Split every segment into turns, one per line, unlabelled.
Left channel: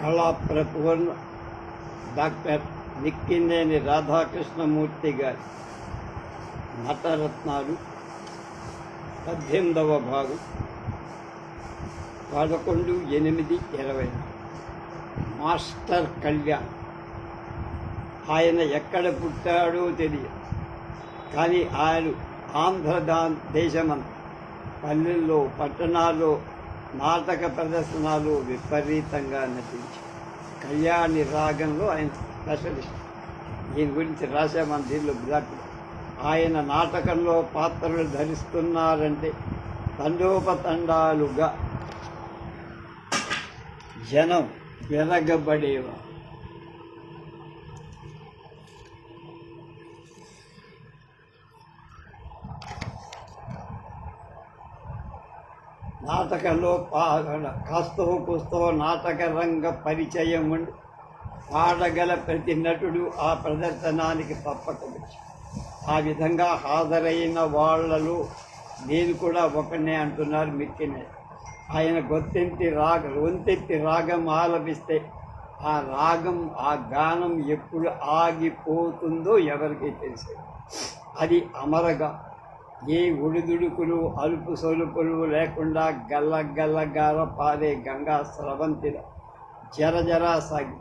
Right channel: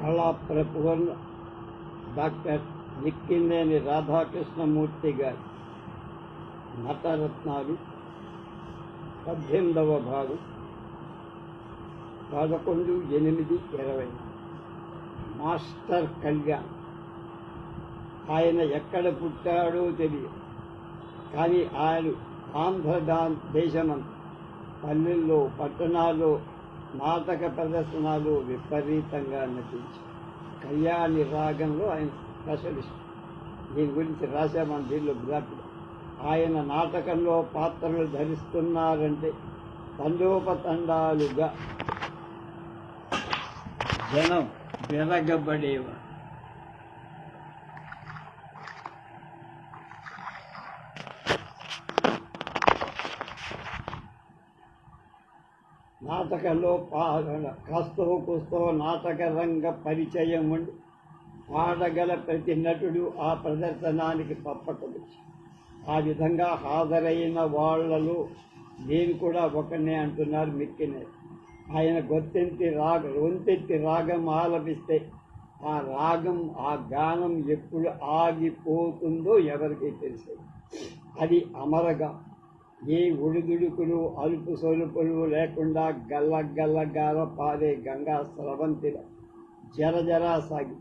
కళా ప్రపూర్ణ డాక్టర్ నిక్కినేని రాధాకృష్ణమూర్తి గారి నటరత్నాలు పద్దెనిమిదవ భాగం పదకొండు ఎనిమిది ఇరవై. మాస్టర్ కళ్యాణ్. ఆయన ఎక్కడ పుట్టాడో తెలియదు. కానీ ఆయన ఆంధ్రదా దేశమంతా పల్లెల్లో పట్టణాల్లో నాటక ప్రదర్శనలు విపరీతంగా నటించి కళ్యాణి రాగంలో ఆయన స్పెషలిస్ట్. దీని గురించి రాశామని దీనిలో బ్లాక్. ఆయన నాటకంలో పాత్రలు ధరిస్తున్నారంటే తండోపతండాలుగా. జనం వెరగబడేవారు. నాటకంలో పాడ కాస్తో కూస్తో నాటక రంగ పరిచయం ఉండి పాడగల ప్రతి నటుడు ఆ ప్రదర్శనానికి తప్పక ఆ విధంగా హాజరైన వాళ్ళలో నేను కూడా ఒకనే అంటున్నారు మిక్కినే. ఆయన గొంతెత్తి రాగ గొంతెత్తి రాగం ఆలపిస్తే ఆ రాగం ఆ గానం ఎప్పుడు ఆగిపోతుందో ఎవరికి తెలిసేది. అది అమరగా ఏ ఒడిదుడుకులు అలుపు సొలుపులు లేకుండా గల్ల గల్లగార పారే గంగా స్రవంతిల జర జరా సాగి.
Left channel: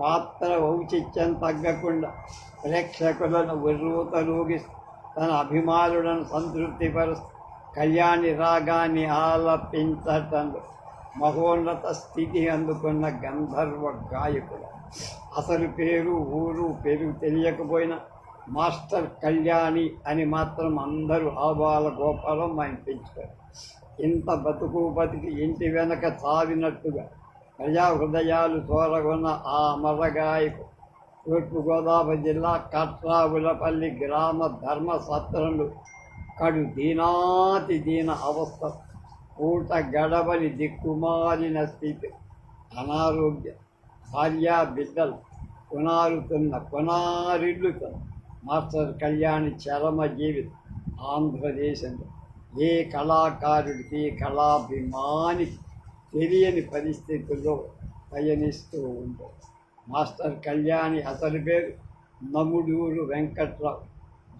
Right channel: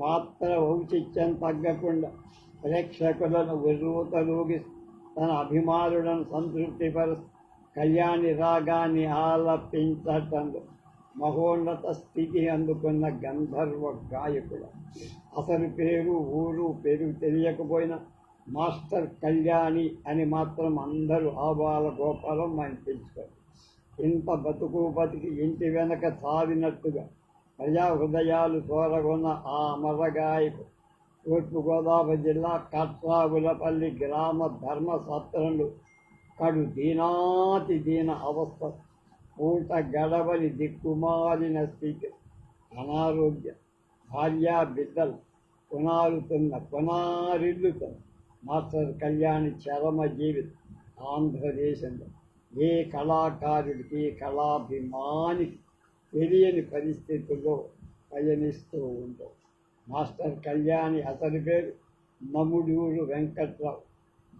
పాత్ర ఔచిత్యం తగ్గకుండా ప్రేక్షకులను ఉర్రూతలూగి తన అభిమానులను సంతృప్తిపరుస్తూ కళ్యాణి రాగాన్ని ఆలపించటంలో మహోన్నత స్థితి అందుకున్న గంధర్వ గాయకుడు. అసలు పేరు ఊరు పేరు తెలియకపోయినా మాస్టర్ కళ్యాణి అని మాత్రం అందరూ ఆబాల గోపాలం ఆయన పెంచుతారు ఇంత బతుకు బతికి ఇంటి వెనక చావినట్టుగా ప్రజా హృదయాలు చోరగొన్న ఆ అమరగాయకు తూర్పుగోదావరి జిల్లా కట్రావులపల్లి గ్రామ ధర్మ సత్రంలో కడు దీనాతి దీన అవస్థ పూట గడవని దిక్కుమాలిన స్థితి అనారోగ్య భార్యా బిడ్డలు కొనారుతున్న కొనారిల్లుతున్న మాస్టర్ కళ్యాణి చరమ జీవితం ఆంధ్రదేశంలో. ఏ కళాకారుడికి కళాభిమానికి తెలియని పరిస్థితుల్లో పయనిస్తూ ఉందో మాస్టర్ కళ్యాణి అతని పేరు నముడూరు వెంకట్రావు.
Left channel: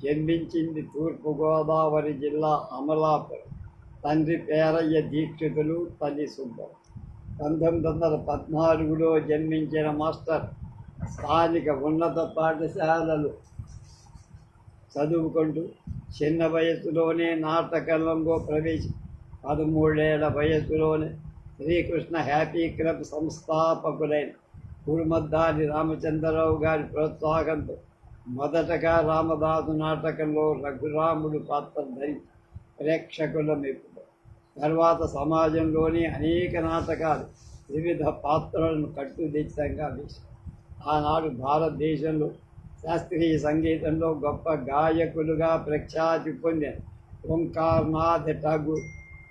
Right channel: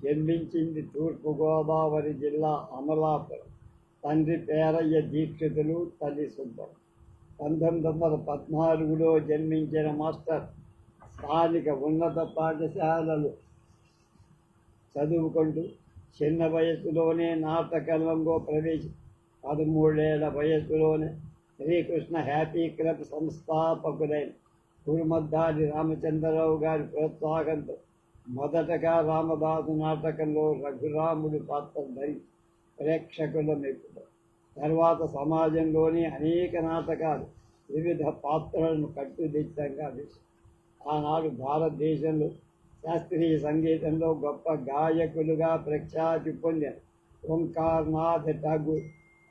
జన్మించింది తూర్పుగోదావరి జిల్లా అమలాపురం. తండ్రి పేరయ్య దీక్షితులు తల్లి సుబ్బం పంతొమ్మిది వందల పద్నాలుగులో జన్మించిన మాస్టర్ స్థానిక ఉన్నత పాఠశాలలు చదువుకుంటూ చిన్న వయసులోనే నాటకరంగో ప్రవేశి పదమూడేళ్ళ వయసులోనే శ్రీకృష్ణ హ్యాపీ క్లబ్ సంస్థాపకులైన కురుమద్దారి రామచంద్రరావు గారి ప్రోత్సాహంతో మొదటగా రామదాసు నాటకంలో రఘురాముడు పాత్ర ధరించి ప్రేక్షకుల మెప్పు. తర్వాత సమాజంలోని అనేక నాటకాలు వివిధ పాత్రలను కట్టుదిట్టంగా వేశారు. ఆనాడు భారతదేశంలో శాస్త్రీయ సంగీతంలో గొప్ప గాయకులుగా ప్రఖ్యాతి పొందిన ఓంకార్నాథ్ ఠాగూర్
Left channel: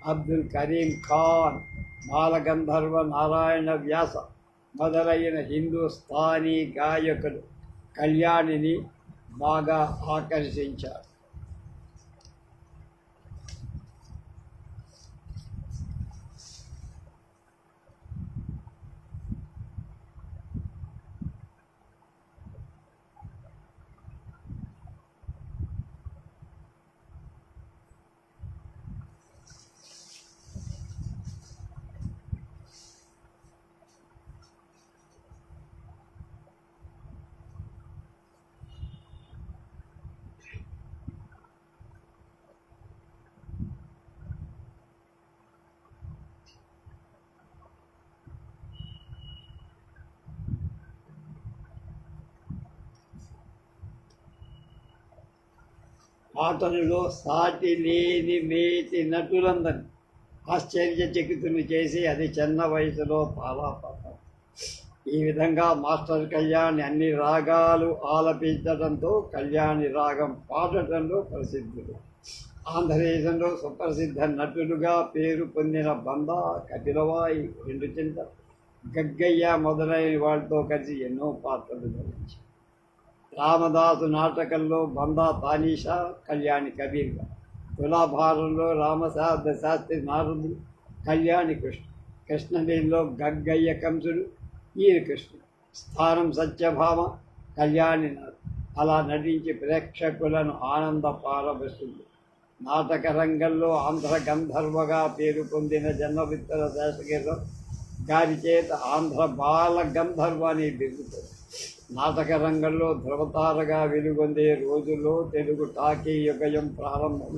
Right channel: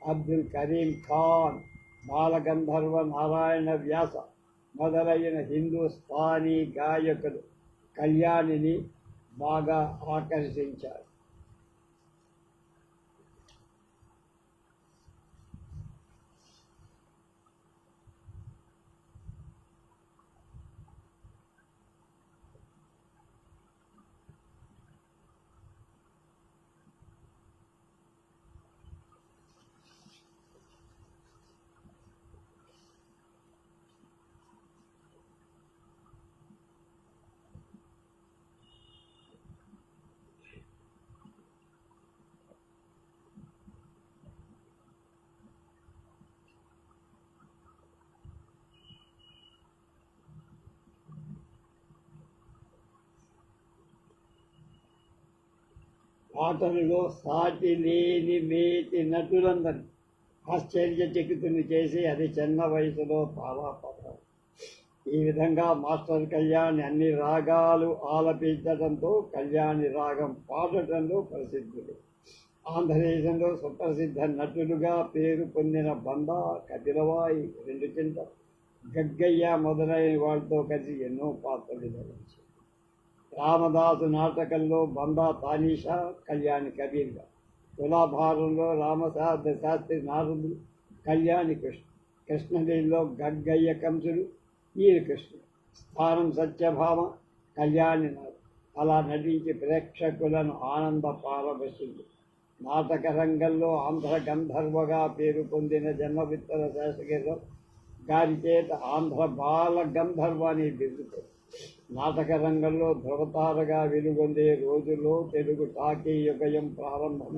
అబ్దుల్ కరీం ఖాన్ బాలగంధర్వ నారాయణ వ్యాస మొదలైన హిందుస్థానీ గాయకులు కళ్యాణిని బాగా ఆకర్షించారు. ఆటలలో సాటి లేని మేటి నటులందరినీ ఆశ్చర్యచకితులు చేసి అది చిన్న వయసులో తాళాపడ్డారు ఈ విధంగా మాస్టర్ కళ్యాణ్ అన్ని రాగాలు ఆలపించడంతో కళ్యాణి రాగం పాడటంలో ప్రసిద్ధులు ఆంధ్రదేశంలో సుప్రసిద్ధ నటులుగా పేరు పొందిన బంద కపిలవాయి రెండు చింత గగ్గయ్య మొదలైన వాళ్ళతో కలిసి ఎన్నో పాత్రలు ధరించారు రామదాసు నాటకంలో బందా తానీషా కళ్యాణి కబీర్గా. తులాభారంలో రామసాద శాస్త్రి నారదుడు కళ్యాణి కృష్ణ. కృష్ణవేణిలో గగ్గయ్య కంసుడు ఈయన కృష్ణుడు. స్థానం సత్యభామ కళ్యాణినాథ్ అలా నటించి ప్రేక్షకులను ఆనంద పారబెస్తుంది నాటక రంగంలో ఆంధ్ర గంధర్వగా పేరు పొందిన జన్మవిత్తర శేషగిరిరావు గారి చేత ఆంధ్ర బాల గంధర్వ అనే బిరుదు నాటక రంగంలో వెలుగొందే రోజుల్లో తెలుగు టాకీ యుగయం ప్రారంభం.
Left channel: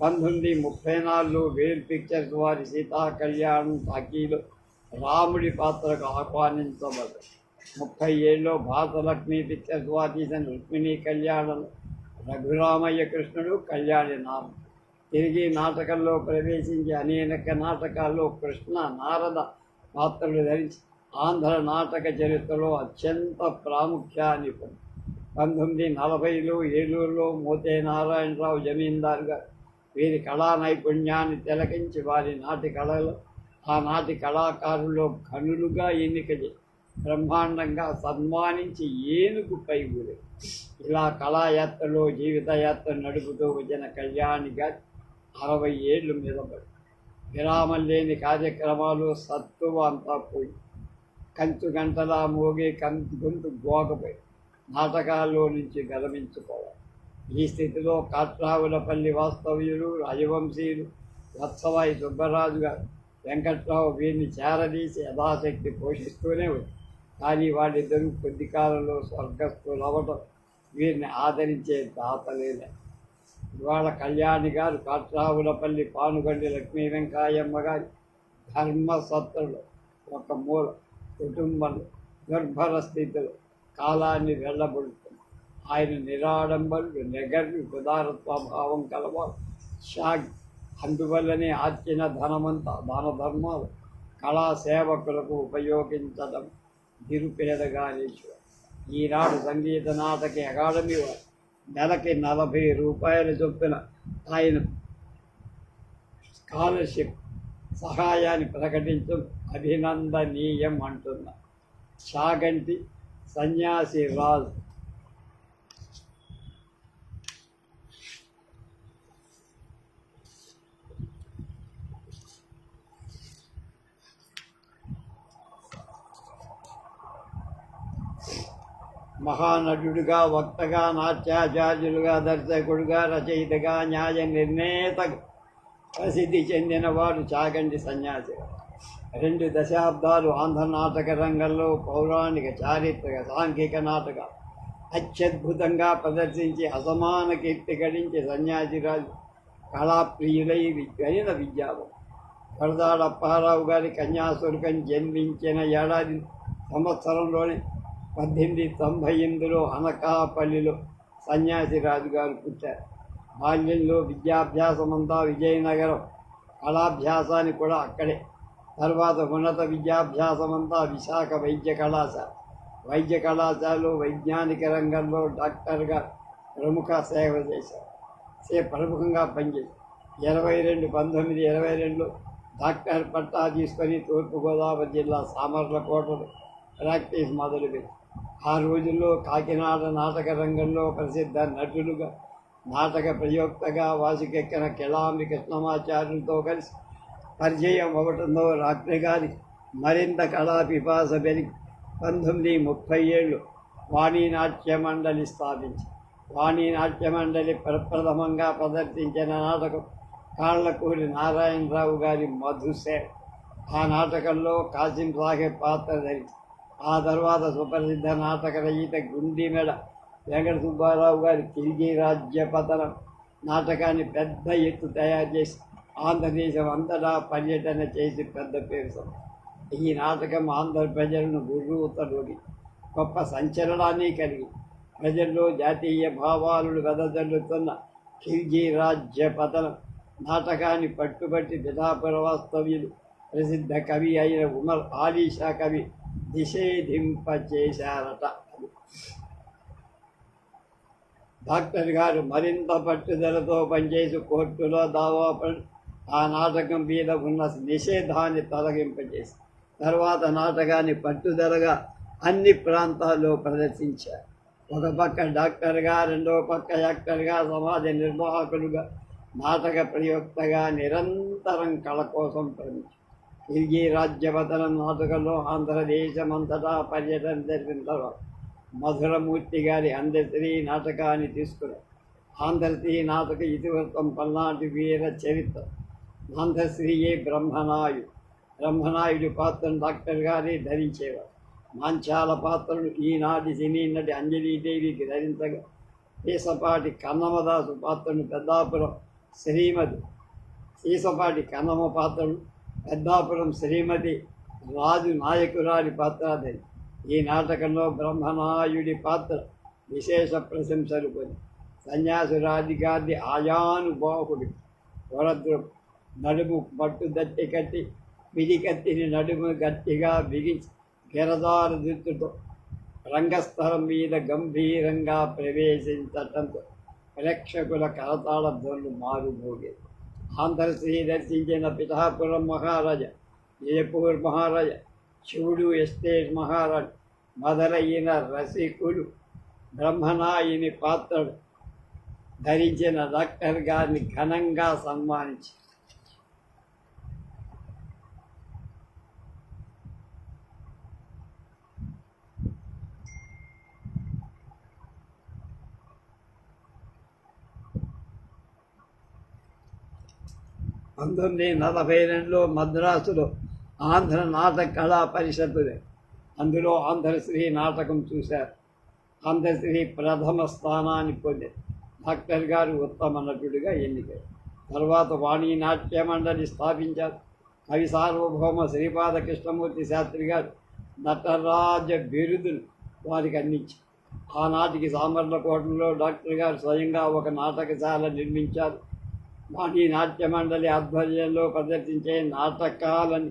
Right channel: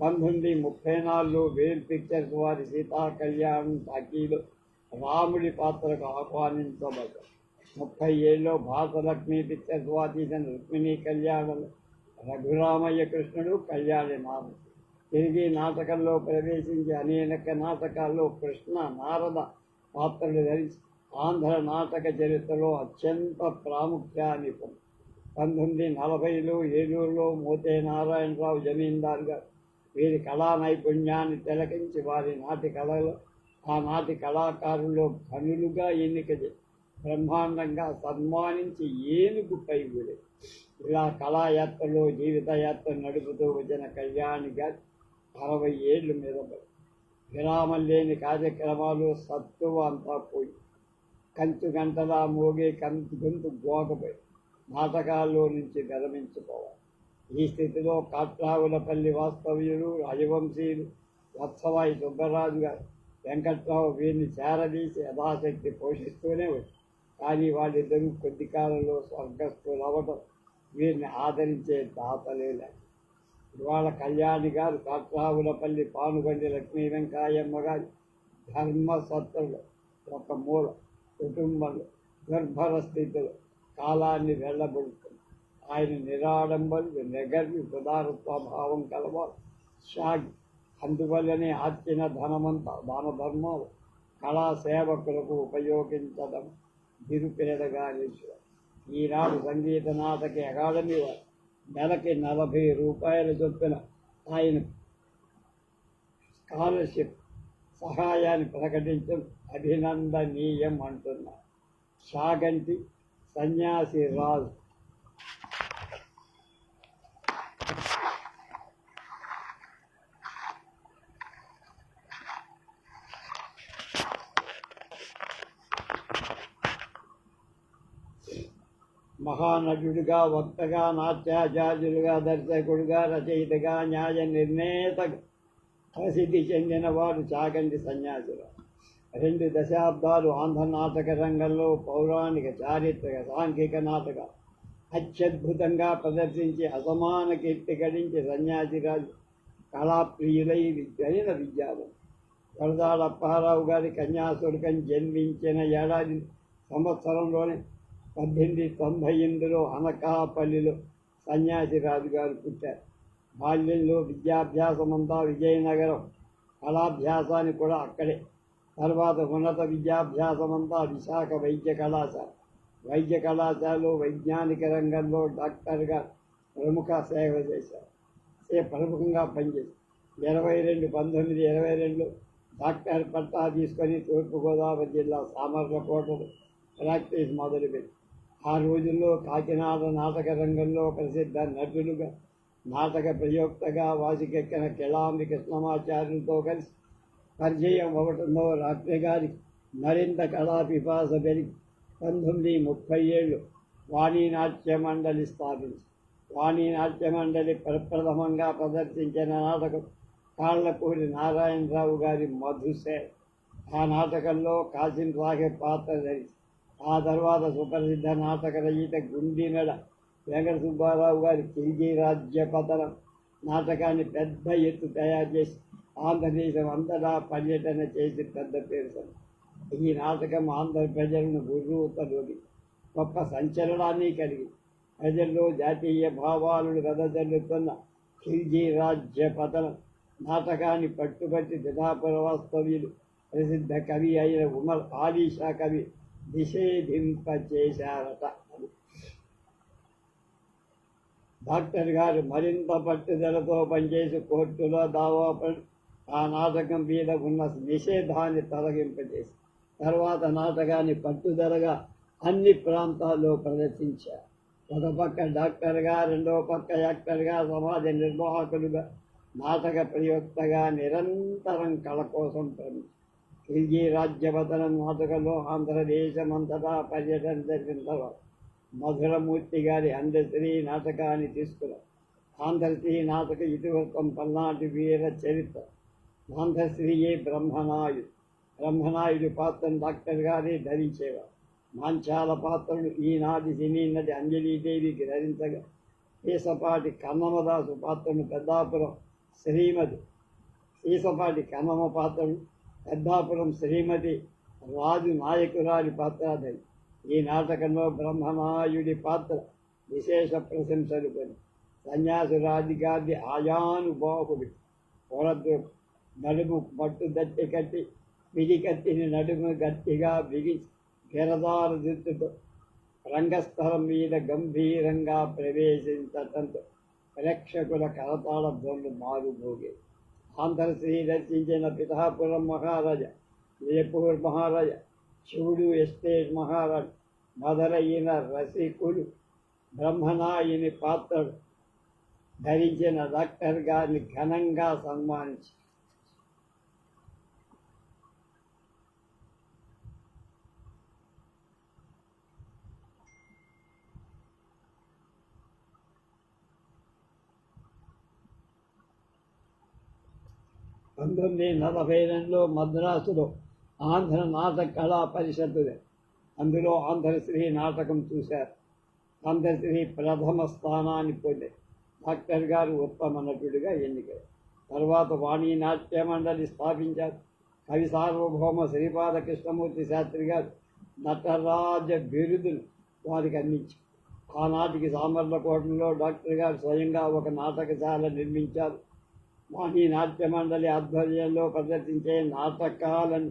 పంతొమ్మిది ముప్పై నాలుగులో వేల్ పిక్చర్స్ వారి సీతా కళ్యాణం టాకీలో రాముడి పాత్రకు ఆహ్వానించబడ్డారు ముప్పై ఏళ్ళలో భారతలక్ష్మి పిక్చర్స్ వారు తీసిన రుక్మిణి కళ్యాణం రఘురామయ్య కృష్ణుడు కళ్యాణి నామ తిరిగి నాటకంలో ప్రవేశించి అనేక నాటకాల్లో కృష్ణ నారద పాత్రలు ధరించి ఆంధ్ర నాటక చరిత్రలో అత్యంత ప్రాముఖ్యాన్ని పొంది. పంతొమ్మిది నలభైలో ఏలూరులో మోతే నారాయణరావు జమీందారుగా వీరి కళా నైపుణ్యాన్ని తిలకించి వారి నాటి కళలో ఆనాటి కళాకారుల్లో కనులుగా ఎన్నిక బ్రహ్మాండంగా సన్మానించి ఏనుగు పై ఇలా కళాయాత్రలో జీవితయాత్ర నడుపుతూ వచ్చిన కళ్యాణి గారి అరవై ఏళ్ళు మీద పడి విరామం లేని కార్యక్రమాలు సత్తువ అంతా పోయి. కంచు గంటలా మోగే కంచు గొంతు గోకపోయి నాటకాల్లో నుంచి గరమించుకోవాలి ఈ స్థితిలో కాట్రావులపల్లి వాస్తవ్యులు రాజవంశీయులు వత్సవాయి సుబ్బరాజు గారు వెంకట్రావు వీరిని చేరదీసి యథాశక్తి పోషిస్తూనే వచ్చి కానీ వాళ్ళిద్దరూ కొద్ది కాలంలో స్వర్గస్థులు అవ్వటం వీరిని ఆదరించే దాతలేలే ఇవాళ కళ్యాణి గారు కాట్రావులపల్లి పానుగండి లక్ష్మీ వెంకాయమ్మ గారి ధర్మసత్తులు ఒక మూల కుటుంబంలో గర్భర స్థితిలో కాలాన్ని వెళ్ళబడుతుంది. ఆయన నిరాడంబరుడు నెగర్వి ఉదారత్వ భావం కలవారు. షాగ్ అందువల్లనే ఆర్చిన ధనమంతా దాన ధర్మాలు కళా సేవకులకు ఉపయోగించడం నిరుపేదగా నిలిచారు ఈనాడు సంగీత నాటక అకాడమీ వారు నెలకి నలభై రూపాయల చొప్పున ఆయన స్కాలర్షిప్ సహాయాన్ని ప్రకటించడం అభినందనీయం అంటున్న చాగంటి సన్యాసి రాజు. మహానటుడుగా వక్తగా నాట్యాచార్యులుగా దర్శకుడుగా రచయితగా న్యాయ నిర్ణేతగా ప్రసిద్ధి చెందినవాడు చాగంటి సన్యాసి రెండు దశాబ్దాలు ఆంధ్ర నాటక రంగంలో పౌరాణిక చారిత్రక సాంఘిక నాటక అత్యద్భుతంగా ప్రదర్శించి అసమాన కీర్తి గడించి సన్యాసిరాజు కళాప్రియులై విద్యైన విద్యావం వరదాడ గారి కన్యాశుల్కం జన్మించిన ఏడాది సంవత్సరంలోనే పద్దెనిమిది తొంభై ఎనిమిదిలో అనకాపల్లిలో సన్యాసి రాజు గారు పుట్టారు. బాల్యంలో విద్యాభ్యాసమంతా విజయనగరం కళాభ్యాసాన్ని కూడా అక్కడే తర్వాత ఉన్నత విద్యాభ్యాసమంతా విశాఖ వైద్య కళాశాల. వైద్య కళాశాలలో వైజ్ఞానిక రంగంలో డాక్టర్గా ప్రముఖ సేవ చేశారు. సే ప్రముఖంగా పనిచేశారు. ఇరవై రెండు పంతొమ్మిది ఇరవై రెండులో డాక్టర్ పట్టా తీసుకొని తూర్పుగోదావరి జిల్లా సామర్లకోటలో ప్రాక్టీస్ మొదలుపెట్టి ఆ రోజుల్లో కాకినాడ నాటక రంగంలో ప్రసిద్ధ నటులుగా నాటక ప్రయోక్తగా వాసికెక్కిన కిళాంబి కృష్ణమాచార్యులతో కలిసి పరిచయం అవ్వటంలో రాత్రి గారి మరింత కళా పిపాస పెరిగి పంతొమ్మిది ముప్పై ఏళ్ళు వాణీనాట్య మండలి స్థాపించి వాణీనాట్య మండలి ప్రప్రథమంగా ప్రదర్శించిన నాటకం కాళ్ళకూరి నారాయణరావు గారి మధుసే ఆ నాటకంలో కాసిం సాహెబ్ పాత్ర ధరించి ఆ తర్వాత సుప్రసిద్ధ నాటక రచయిత గుండిమెడ వెంకట సుబ్బారావు గారి తిరిగి రాజ్య పతనం నాటకాన్ని పెద్ద ఎత్తు తయారు చేసి ఆంధ్రదేశం అంతటా పర్యటన చేసి పెద్ద పేరు ఈ నాటకం ఆంధ్ర ప్రజలను గుర్రూతలోకి గొప్ప సంచలనాన్ని కలిగి ప్రజల్లో జాతీయ భావాలను వెదజల్లుతున్న ఖిల్జీ రాజ్య పతనం నాటకాన్ని పట్టుబట్టి దిధాపురవాస్తవ్యులు ప్రసిద్ధ కవి అయిన ఉమర్ ఆలీషా కవి నిషేధింపచేశారట డాక్టర్ గారు మరింత పట్టుదలతో పనిచేసి కోర్టులో దావా పడి ఆ నాటకం మీద ఉన్న నిషేధాన్ని తొలగింపజేసి తర్వాత నాటకాన్ని పట్టుదలగా అన్ని ప్రాంతాల్లో ప్రదర్శించారు. ఒక పక్క డాక్టర్గా రెండో పక్క యాక్టర్గా సమాజ నిర్వాహకులుగా నాటక ప్రయోక్తగా నిరంతరం కళ కోసం శ్రమించారు. తిరిగి రాజ్యవతనం నాటకంలో ఆంధ్రదేశమంతటా పర్యటన జరిగిన తర్వాత మధురమూర్తి గారి అందశ్రీ నాటకాన్ని తీసుకున్నారు. ఆంధ్రశ్రీ నాటక ఇతివృత్తం పల్నాటి వీర చరిత్ర. ఆంధ్రశ్రీయే బ్రహ్మనాయుడు బ్రహ్మనాయుడు పాత్రను డాక్టర్ గారే ధరించేవారు. మాంచాల పాత్రను ఈనాటి సినీ నటి అంజలీదేవికి ధరించగా సీసపాటి కన్నమదాసు పాత్రను పెద్దాపురం శ్రీమతి సీసపాటి కన్నమ పాత్రను పెద్దాపురం శ్రీమతి రాజు నాయకురాలి పాత్ర ధరి. ఈ నాటకంలో బ్రహ్మనాయుడి పాత్ర విశేష ప్రశంసలు కొని సన్యాసురాధికారి ఆయానుబాహుడు వరద్రు నడుము పట్టు దట్టి కట్టి పిడికత్తిని నడుము గట్టిగా బిగించి గిరదారుదిద్దుతో రంగస్థలం మీద గంభీరంగా ప్రవేశించటంతో ప్రేక్షకుల కరతాళ ధ్వనులు మారుమోగేది ఆంధ్రశ్రీ దర్శించిన పిఠాపురం మహారాజా జయపూర్ మహారాజా శివుడు ఎస్టేట్ మహారాజు మొదలైన రసికులు బ్రహ్మనాయుని పాత్రలు ధరించిన డాక్టర్ గారిని ఘనంగా సన్మానించి పంతొమ్మిది నలభై రెండులో మద్రాసులో ఆంధ్ర నాటక కళా పరిషత్తు అందులో ఆంధ్రశ్రీ నాటకం చూశారు. ఆంధ్రశ్రీ ప్రథమ స్థానాన్ని పొంది డాక్టర్ గారు ఉత్తమ నటుడిగా ఎన్నికయ్యారు తర్వాత వాణి నాట్య మండలి స్థాపించారు. కవి సార్వభౌమ శ్రీపాద కృష్ణమూర్తి శాస్త్రి గారు నటరాజ బిరుదులు వారికి అందించి ఆనాటికి సామర్లకోటలో డాక్టర్ గారు స్వయంగా ఒక నాటకశాల నిర్మించారు. వాణి నాట్య మండలి ఆధ్వర్యంలో ప్రదర్శించే నాటకాలను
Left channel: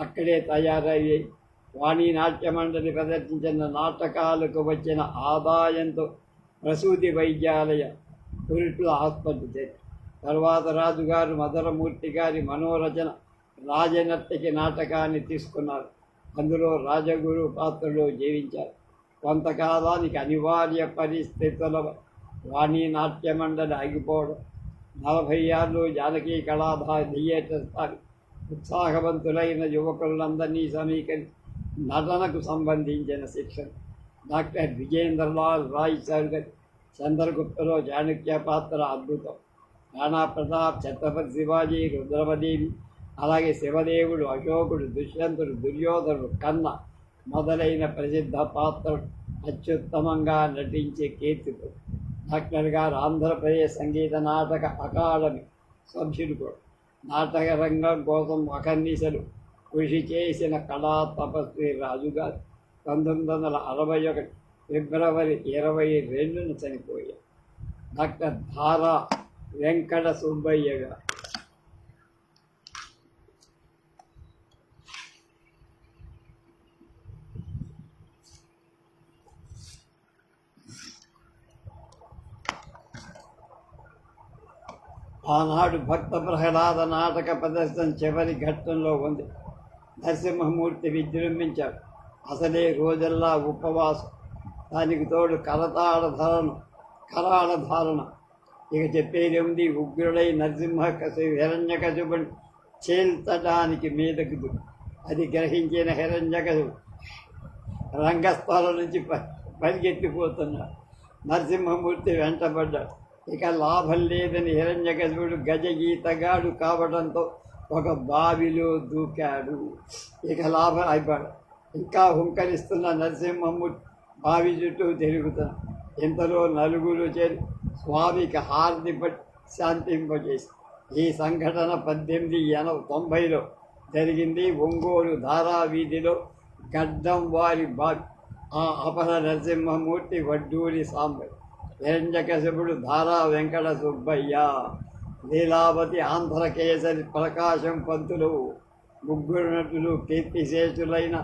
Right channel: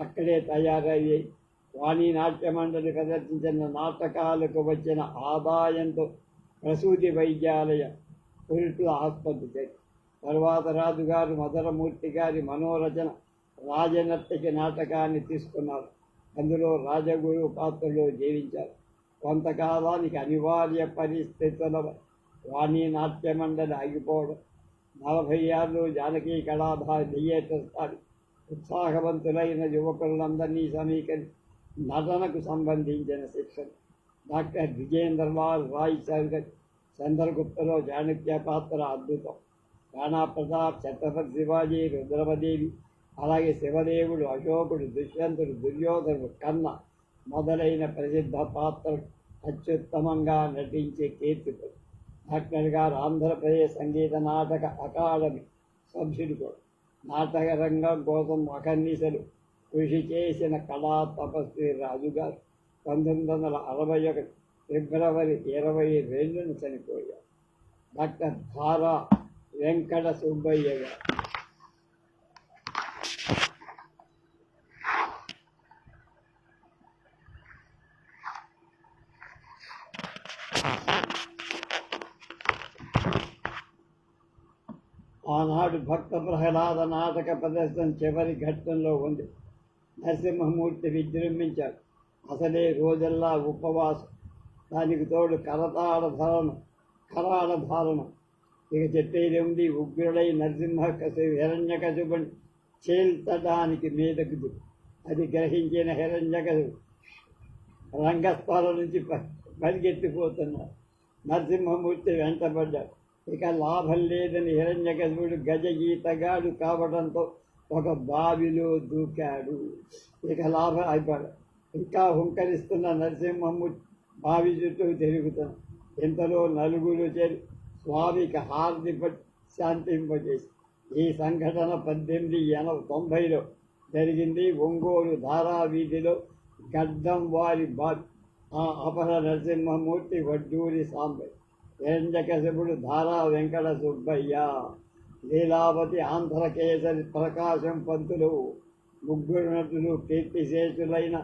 అక్కడే తయారయ్యాయి. వాణి నాట్య మండలి ప్రదర్శించిన నాటకాలకు వచ్చిన ఆదాయంతో ప్రసూతి వైద్యాలయ పురుట్ల ఆస్పత్రి చేశారు తర్వాత రాజుగారు మధురమూర్తి గారి మనోరచన రాజనర్తకి నాటకాన్ని తీసుకున్నారు. అందులో రాజగురు పాత్రలో జీవించారు. కొంతకాలానికి అనివార్య పరిస్థితుల వాణి నాట్య మండలి ఆగిపోవడం నలభై ఆరులో జానకీ కళాభా థియేటర్ స్థాయి ఉత్సాహవంతులైన యువకులందరినీ సమీకరించి నటనకు సంబంధించిన శిక్షణ. డాక్టర్ విజేంద్రలాల్ రాయ్ చౌదరి చంద్రగుప్తలో చాణక్య పాత్ర అద్భుతం. రాణా ప్రతాప్ ఛత్రపతి శివాజీ రుద్రమదేవి అలాగే శివదేవుడు అశోకుడు దుష్యంతుడు దుర్యోధనుడు కన్న మొదలైన ప్రసిద్ధ పాత్రలు అత్యుత్తమంగా నటించే కీర్తితో డాక్టర్ గారు ఆంధ్రప్రదేశ్ సంగీత నాటక అకాడమీ సభ్యుడు కూడా. నాటక రంగం కోసం అకర్నిశలు కృషి చేసిన కళా తపస్వి రాజుగారు పంతొమ్మిది వందల అరవై ఒకటి ఫిబ్రవరి ఇరవై రెండున చనిపోయారు. డాక్టర్ ధారా వెంకట సుబ్బయ్య గారు. ఆనాడు భక్త ప్రహ్లాద నాటక ప్రదర్శన చివరి ఘట్టంలో ఉంది. నరసింహమూర్తి విజృంభించాడు. అసలే రోజల్లా ఉపవాసం. దానికి తోడు కరతాళ ధారణ కరాళ ధారణ. ఇక చెప్పేది ఉంది ఉగ్రుడై నరసింహ కసి హిరణ్యకశుబుని చేల్చడానికి మీదకు అది గ్రహించిన హిరణ్యకశుడు రంగస్థలం నుంచి ప పరిగెత్తిపోతున్నాడు. నరసింహమూర్తి వెంటబడ్డాడు. ఇక లాభం లేదని హిరణ్యకశిపుడు గజ ఈతగాడు కావడంతో ఒక బావిలో దూకాడు. ఇక లాభం అయిపోయాడు. ఇంకా హుంకరిస్తున్న నరసింహము బావి చుట్టూ తిరుగుతున్నాడు ఇంతలో నలుగురు చేరి స్వామికి హారతి శాంతింపజేసి ఈ సంఘటన పద్దెనిమిది ఎనభై తొంభైలో జరిగింది. ఒంగోలు ధారావీధిలో గడ్డం వారి బావి. ఆ అపర నరసింహమూర్తి వడ్డూరి సాంబయ్య. హిరణ్యకశపుడు ధారా వెంకట సుబ్బయ్య లీలావతి ఆంధ్రకేసరి ప్రకాశం పంతులు ముగ్గురు నటులు కీర్తిశేషులైన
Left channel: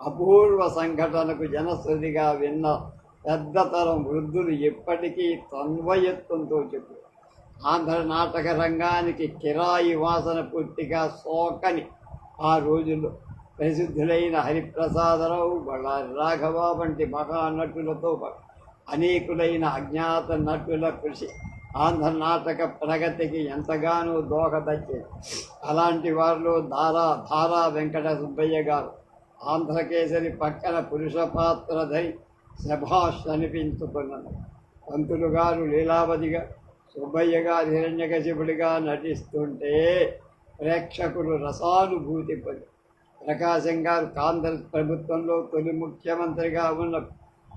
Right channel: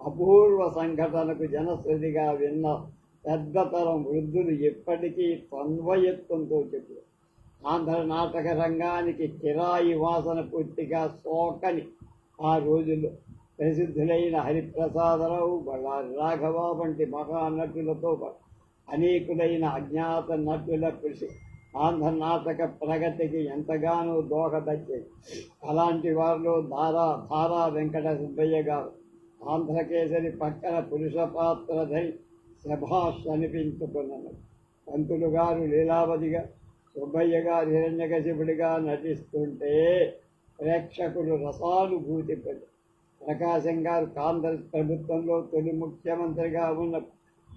అపూర్వ సంఘటనకు జనశ్రుతిగా విన్న పెద్దతరం వృద్ధులు ఎప్పటికీ తన్వయత్వంతో చెప్పు ఆంధ్ర నాటక రంగానికి కిరాయి వాసన పూర్తిగా సోకని ఆ రోజుల్లో ప్రసిద్ధులైన హరిప్రసాదరావు బళ్ళారి రాఘవ వంటి మహానటులతో పాటు అనేకులైన అజ్ఞాత నటుల కృషి ఆంధ్ర నాటక ప్రగతికి ఎంతగానో దోహదచ్చింది అలాంటి వారిలో దారా ధారా వెంకట సుబ్బయ్య గారు ఆంధ్రకేసరి పక్కన పురుష పాత్ర ధరి శభాష్ అనిపించుకున్నది పంతులు గారు లీలావతిగా సుబ్బయ్య గారు హిరణ్యకశిపుడిగా నటిస్తుంటే ప్రేక్షకులు రసానుభూతి పొంది ప్రకాశం గారు కాంగ్రెస్ ప్రభుత్వంలో తొలి ముఖ్యమంత్రిగా ఉన్న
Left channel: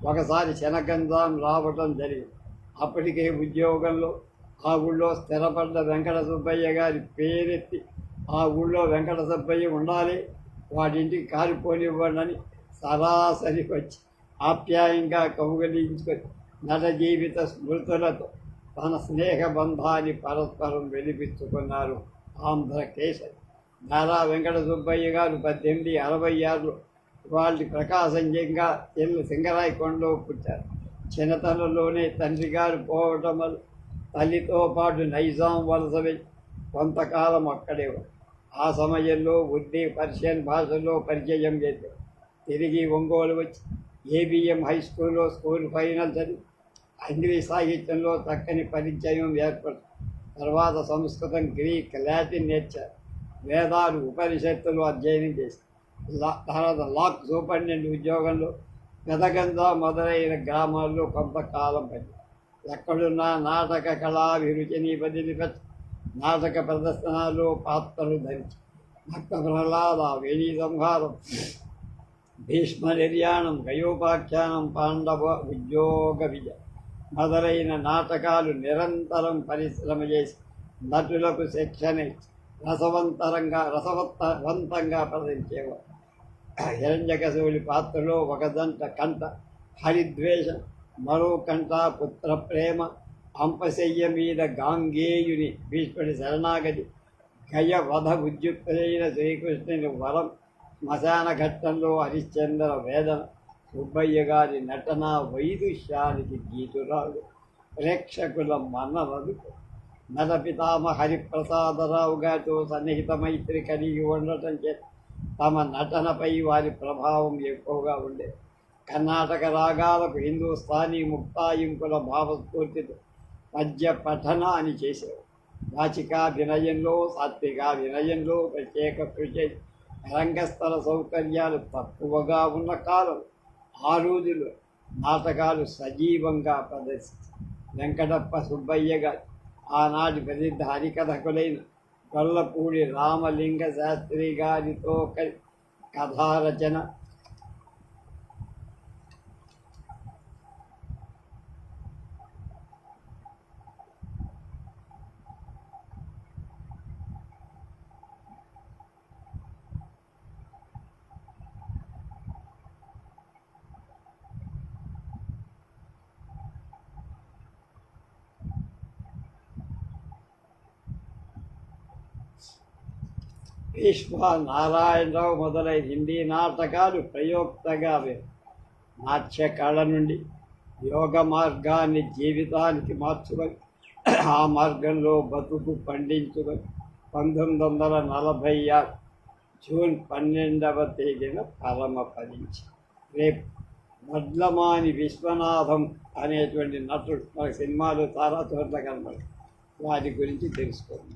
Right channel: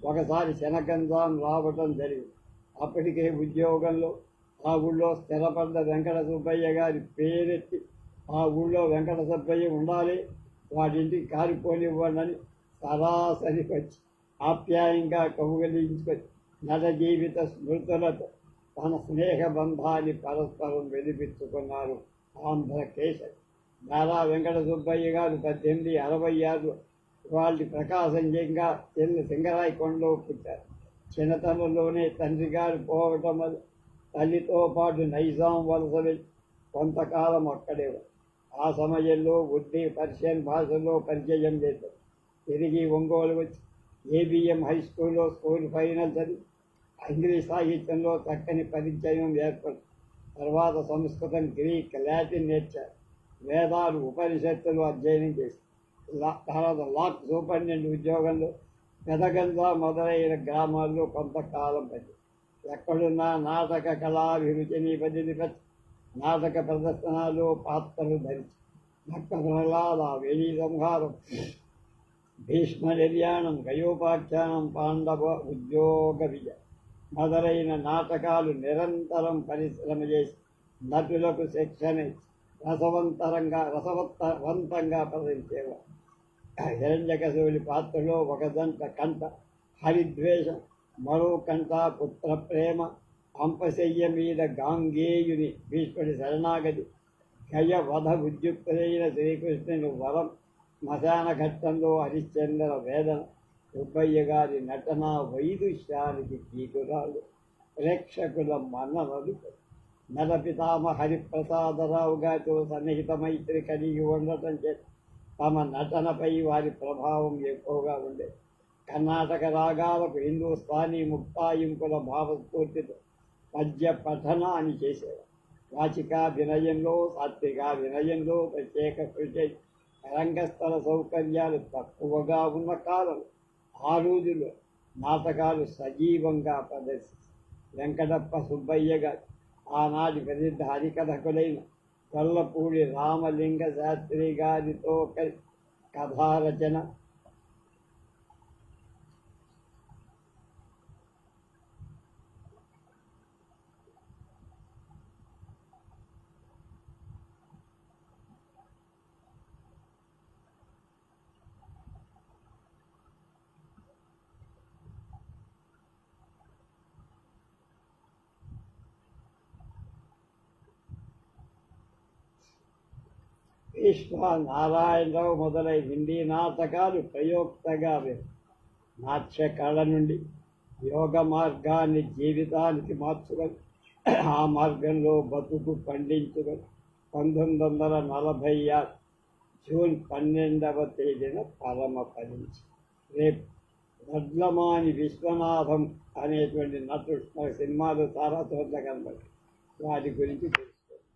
ఒకసారి శనగంజాం రావటం జరిగింది. అప్పటికే ఉద్యోగంలో ఆ ఊళ్ళో స్థిరపడ్డ వెంకట సుబ్బయ్య గారి పేరెత్తి ఆ ఊళ్ళో వెంకట సుబ్బయ్య ఉండాలి వాటింటికి కారిపోనివ్వండి సరాసరి వచ్చి ఆప్యాయంగా కౌగలించుకొని నట జీవిత స్మృతులతో తన స్నేహ బంధాన్ని పరస్పరం వెలిపించుకున్నారు ఆంధ్రకేశరి. నారా వెంకట సుబ్బయ్య గారు పద్దెనిమిది అరవై ఆరులో వాళ్ళు ప్రకాశంజంగా చెల్లి కొండలో పుట్టారు. చిన్నతనంలోనే తండ్రి గారు పోవటం వల్ల తల్లితో పాటు నైజాం వలస కొంతకాలం అక్కడే ఆ సమయంలో ఉర్దీ పర్షియన్ భాషల్లో పరిచయం చేశారు. తిరిగి ఒంగోలు వచ్చి ఏబిఎం హై స్కూల్లో స్కూల్ ఫైనల్ చదివి ఇంగ్లీష్ సాహిత్యంలో చక్కని పరిచయం ఏర్పడు తర్వాత సంస్కృతం గ్రీక్ లాటిన్ నేర్చారు. వేదాలు ఉపనిషత్తులు అధ్యయనం చేశారు. తర్వాత లాక్ సూపరింటెండెంట్ ఉద్యోగంలో పెదగంద మొదలైన గ్రామాల్లో కొంతకాలం పని ఎక్కడున్నా నాటక కళాభిరుచిని బదిలిపెట్టి నాటక ప్రదర్శనలో పాత్రలు ధరించి. భక్త ప్రహ్లాద వేణి సంహారం భీష్మ నిర్యాణం గయోపాఖ్యానం పాండవ ఉద్యోగ విజయ మొదలైన నాటకాలు నిరంతరం పరిశ్రమ చేసి నటులకు శిక్షణ ఇచ్చి రసవంతరంగా రసవత్తవంతంగా ప్రదర్శించేవారు. హిరణ్యకశివుడి పాత్రలో ఒక దంట కంట హరిద్వేషం మరో కంట పుత్ర ప్రేమ అంపశయ్య మీద గాంగేయుని భీష్ముడి శరణాగతి గయ వధ ఉద్యుక్తులైన శ్రీకృష్ణుని వరం శ్మశాన ఘట్టంలో హరిశ్చంద్ర వేదన సుబ్బయ్య గారి నటన వైదుష్యానికి గీతురాలు ప్రేక్షకుల మన్ననలు నట పితామ హరిప్రసాదరావు గారితో సన్నిహిత మైత్రి కలిగి ఉండటం చేత తమ నటనపై వారి ప్రభావం ఎక్కువగా ఉండే. కర్ణాటక రాగాలకు హిందూస్థానీ ముక్తాయింపుల భావస్ఫూర్తితో పద్య అని చేసేవారు. వాచికాభినయంలో సాత్వికాభినయంలో ప్రత్యేక కృషి రంగస్థల సౌకర్యాలు తక్కువగా ఉన్న కాలం ఆ రోజుల్లో నాటకాలు సజీవంగా ప్రదర్శించారు. వెంకటప్ప సుబ్బయ్య గారు ఆనాటి ప్రసిద్ధ హరికథకులైన గొల్లపూడి రామలింగ శాస్త్రి గారితో కథారచన భీష్మ నారాయణరావు మొదలైన హిందీ నాటకాలు ప్రయోక్తగా వే- నాట్య కళ నుండి యోగ మార్గాన్ని జీవితానికి మార్చుకొని ఆ మార్గంలో బతుకు పండించుకొని పంతొమ్మిది వందల నలభై ఆరు జూన్ పన్నెండవ తేదీన ప్రారంభపదించి రేపు వడ్లమాని విశ్వనాథం అనేటువంటి నటుడు మన సినిమాలు చాలా చోట్ల కనబడి వారి గురించి తెలుసుకోండి.